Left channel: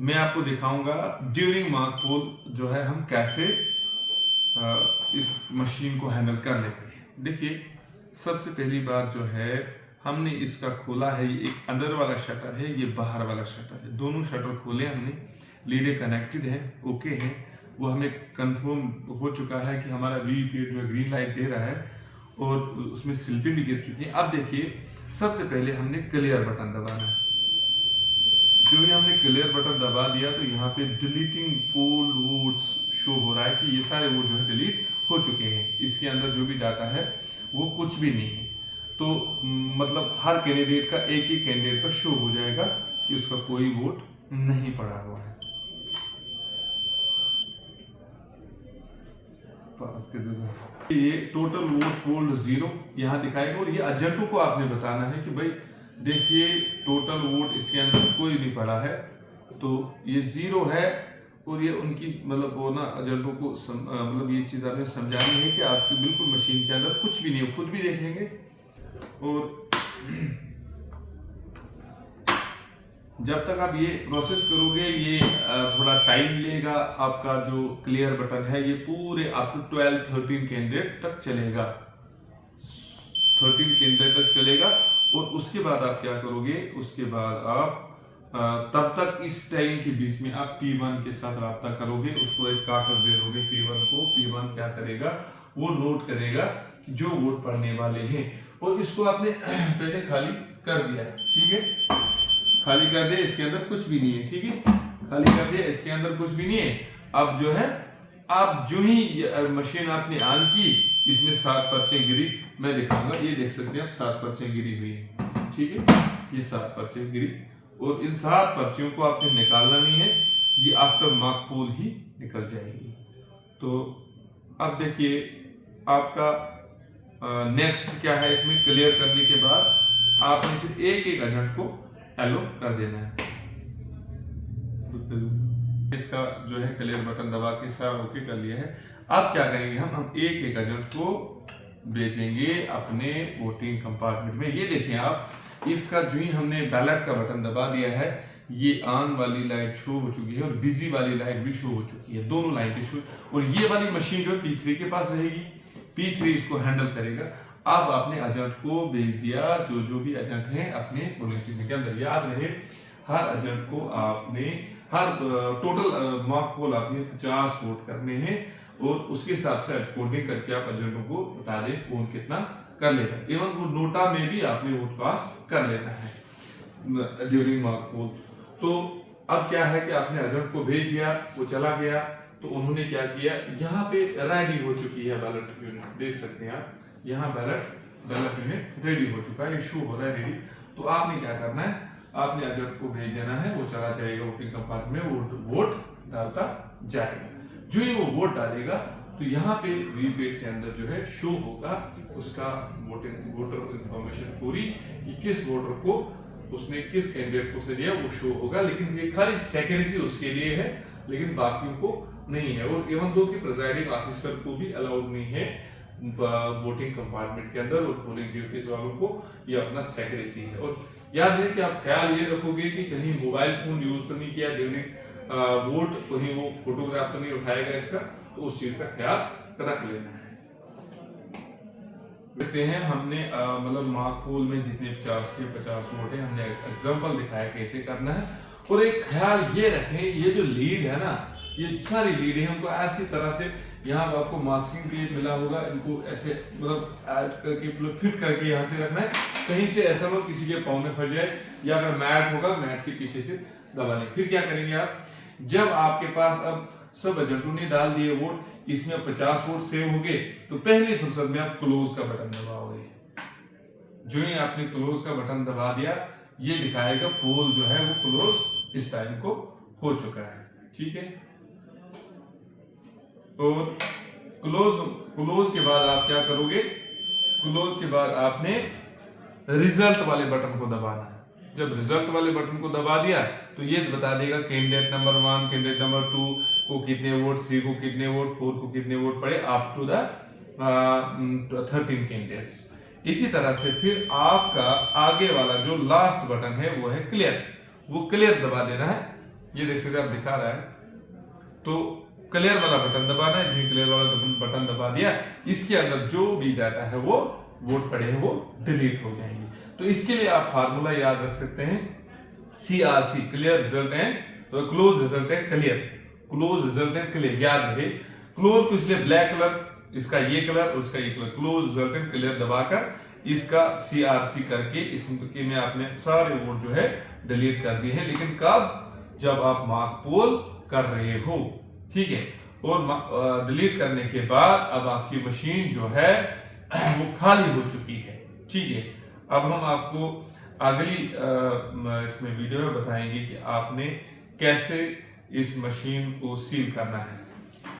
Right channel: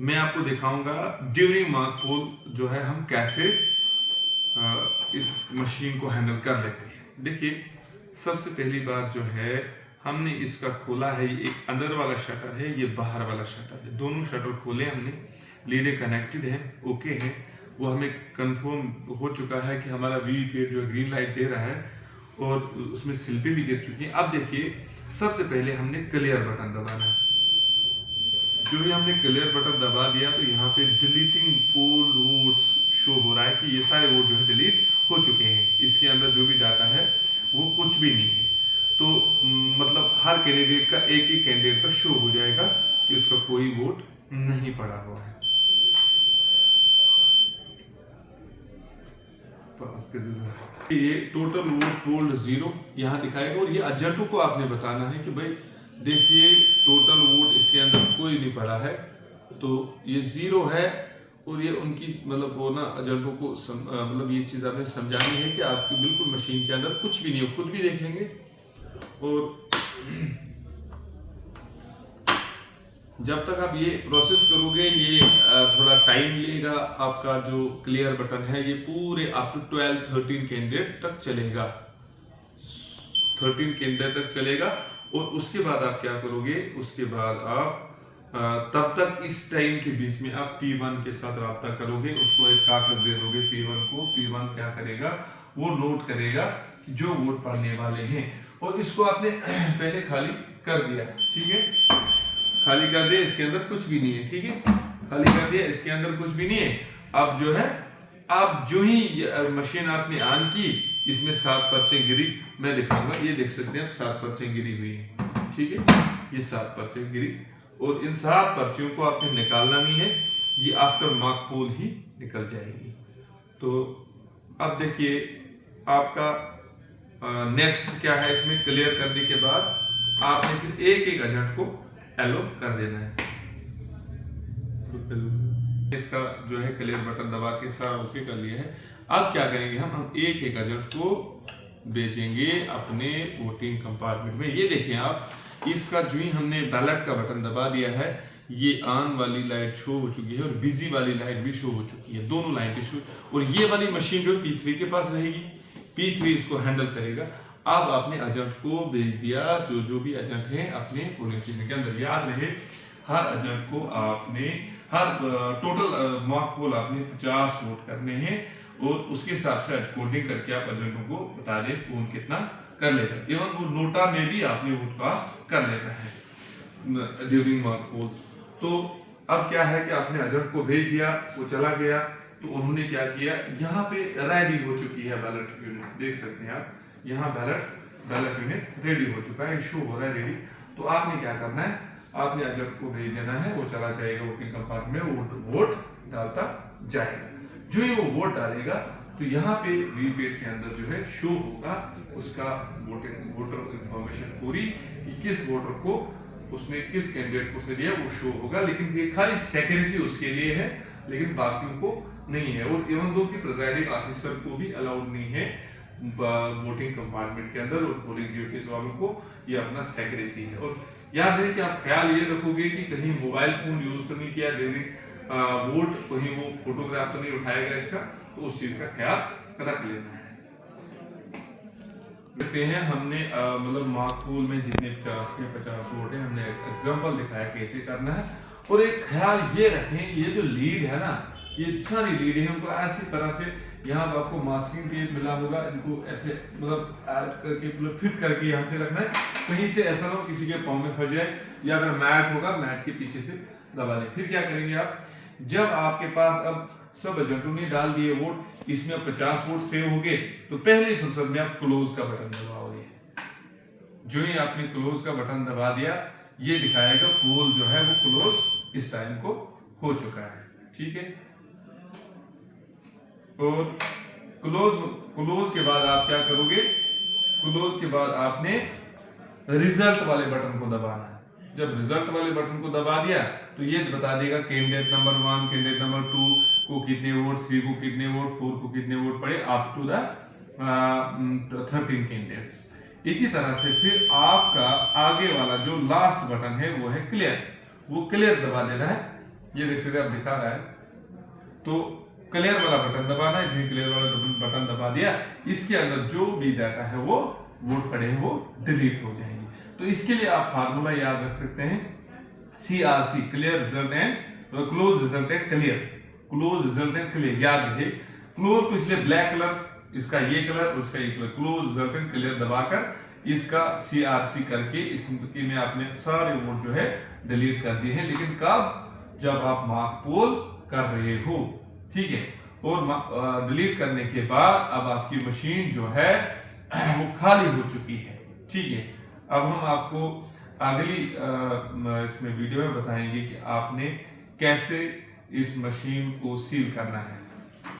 मैं आपको दिखाऊंगा ड्यूरिंग मॉक पोल जो है हम कैसे इस मशीन को हैंडल कर लेते हैं। देखिए, सबसे पहली बात जो है, हमने इसका खोला है। ये एक अंदर वाला शटर है, ये बाहर वाला शटर है। दोनों शटर खोले हमने, लीडें कनेक्टेड है, ओके है। वो हमें कंफर्म हो चुका है कि हमारा वीवीपीएट जो ग्रीन लाइट दे रहा है और उसमें स्लिपें भी गिर चुकी हैं। अब देखिए, सबसे पहले हमने क्लियर बटन दबाना है। जो ही हमने क्लियर बटन दबा दिया तो यहाँ पे डिलीटिंग पोल वोट्स शो हो रहा है कि ये सारे वोट जो है डिलीट हो चुके हैं। इसके अंदर जो भी डाटा है वो कुछ भी नहीं है। तो मतलब हर कैंडिडेट का, एक ही कैंडिडेट का शो हो जाएगा कि उसका कोई वोट नहीं पड़ा हुआ है। ये टोटल वोट पोल्ड 0 यहाँ दिखाएगा और ये एजेंटों को आपने बताना है कि भाई देखिए, टोटल वोट इसके अंदर कोई नहीं पड़ा है, तो ये 0 है। और ये उनकी मतलब वो ना एजेंटों को मतलब ये चीज़ आपने समझानी है कि आपकी बिल्कुल मशीन के अंदर कुछ भी नहीं है। खुद भी देख लेंगे और जब तक आप ये प्रोसेस करोगे ये थोड़ा टाइम लेगा। आपका जो क्लियर बटन है ये पूरे अप टू 12-13 कैंडिडेट तक चलेगा, 13 कैंडिडेट तक चलेगा। और उसके बाद आप क्या करोगे, उसके बाद आप तब तक इस टाइम के बीच में आप P1 के साथ रब्ता करोगे। उसको एक कागज दे दोगे P1 को। P1 क्या करेगा, वो नोट करेगा कि जो वोट पड़ने वाले हैं। और इसको आपने पहले खाली कर दिया, ठीक है, खाली कर दिया, इसके अंदर कुछ भी नहीं है, ठीक है, खाली कर दिया, इसके अंदर कुछ भी नहीं है। अब जो है, अब जो ही मशीन आपने ऑन की, इसमें 7 पर्चे गिरी। मैं दिखाऊंगा, ये देख सकते हैं आप, 7 पर्चे गिरी हुई है, ठीक है, ये 7 पर्चे गिरी। और इन 7 पर्चियों को आपने निकालना नहीं है, ये आफ्टर मॉक पोल ही निकल जाएगी। तो अब देखिए आपका नेक्स्ट क्या है, इसमें क्लियर करने के बाद आपने फिर एक एक एजेंट को एलो कर देना है। इसका जो है क्लियर बटन दबा के सारा ओके कर लिया है। अब क्या करेंगे, हम एक एक एजेंट को भेजेंगे अपने वोटिंग कंपार्टमेंट में। ये देखें आप, इसका जो ही हमने बैलेट का बटन दबा दिया है, ये ऑन वाली लाइट शो हो चुकी है और बिजी वाली लाइट भी शो हो चुकी है, दोनों लाइटें शो। और ये वाली मशीन जो P3 के पास रहेगी, P3 इसको हैंडल करेगा। अब आपने एजेंट को भेज दिया, जो भी एजेंट हैं अपने पोलिंग स्टेशन के अंदर। याद रहे, हर एजेंट को आपने टोटल मॉक पोल आपने 50 वोट करने हैं और उसके हिसाब से कोडिंग करके आप एजेंटों को बता दें कौन कितना कर लेगा। इवन वो नोटा में भी आपने वोट कास्ट कर लेना है ड्यूरिंग मॉक पोल। तो अब क्या है कि आपने एजेंट को भेज दिया, वो चला गया। तो उन्होंने क्या किया, यहाँ पे रेडी हो चुकी है बैलेट यूनिट, देख सकते हैं आप, यहाँ बैलेट यूनिट रेडी हो चुका है, इशू हो रहा है रेडी। तो आपने क्या करना है, आपने एजेंट को भेज देना है, वो चला जाएगा वोटिंग कंपार्टमेंट में, वोट डालता जाएगा। जो ही वो वोट डालेगा तो यहाँ पे वीवीपैट के अंदर जो है शो होगा उसका वोटर इंफॉर्मेशन पूरी, कि किस वोटर को उसने, किस कैंडिडेट को उसने दिया, वो शो होगा। लेकिन ये खाली सेक्रेसी उसके लिए है, लेकिन बाकियों को नहीं है। और इवन दो कि प्रिजाइडिंग ऑफिसर को भी अलाउड नहीं है वोटिंग कंपार्टमेंट के अंदर, और पोलिंग ड्यूटीज वालों को ये अपना सेक्रेसी है। और याद रहे कि आप ख्याल ये रखोगे कि कहीं मोबाइल फोन यूज तो नहीं किया ड्यूरिंग वोट, कहीं वो फोटोग्राफ तो नहीं उठाएगा इसका, तो उस चीज का ख्याल रख लेना है। देखते हैं हमने मतलब मॉक पोल में जितने 50 के 50 वोट है, हमने एग्जांपल दिखाया कैसे करना है। और एक ख्याल ये रखें, ये जो लीड है ना, ये सारी लीड है, हमको ऐसी तरह से, यहाँ आपको मास्किंग टेप मिला होगा, इनको ऐसे मतलब ऐड करके मतलब फिट करके यहाँ से रखना है। कहीं से ऐसा ना किसी के पाँव में फंस जाए, या अगर मैट होगा मैट के पीछे से दबा लें। फिर क्या करेंगे आप, जब आपके पास अब सब एजेंटों ने डाल दिए वोट, इसमें 50 वोट सेव हो गए, तो पहली फुर्सत में आप क्लोज का बटन दबाओगे। जो ही आपने क्लोज का बटन दबा दिया, ये दिखाएगा पोल जो है वो क्लोज इस टाइम को हो चुका है, ठीक है। और क्लोज के बाद आप क्या करोगे, क्लोज के बाद आपने रिजल्ट वाले बटन को दबाना है। जब रिजल्ट वाले बटन को दबा दिया तो ये बता देगा कैंडिडेट नंबर 1, कैंडिडेट नंबर 2 को कितने वोट, 3 को कितने वोट, 4 को कितने वोट पड़े, अप टू द 13 कैंडिडेट्स। इसी तरह से फिर आपका आगे वाला जो लास्ट बटन है वो है क्लियर, वो क्लियर दबा देना है। ये देख सकते हैं, आप दिखा रहा है। तो क्लियर वाला बटन दबाना है, जो क्लियर वाला बटन दबा दिया, इसके अंदर जो भी डाटा है वो वोट पड़े हैं वो डिलीट हो जाएंगे। तो इसके लिए आप फार्मूला याद रख सकते हैं, CRC, clear result and close result and clear, close result and clear याद रहे। क्लोज को इसलिए ब्लैक कलर, इसका ये कलर, उसका ये colour, close result and clear दबाकर इसका CRC करके इसके में आपने सारे वोट जो है डिलीट कर दिए हैं। लेकिन कब? जब आप मार्क पोल कर रहे हो, ठीक है। और डिलीट करने के बाद अब आपकी मशीन जो है वो खाली हो चुकी है, ठीक है। अब हम आपको अगली इसमें वीडियो में बताएंगे कि आपने कैसे इस मशीन को सील करना है।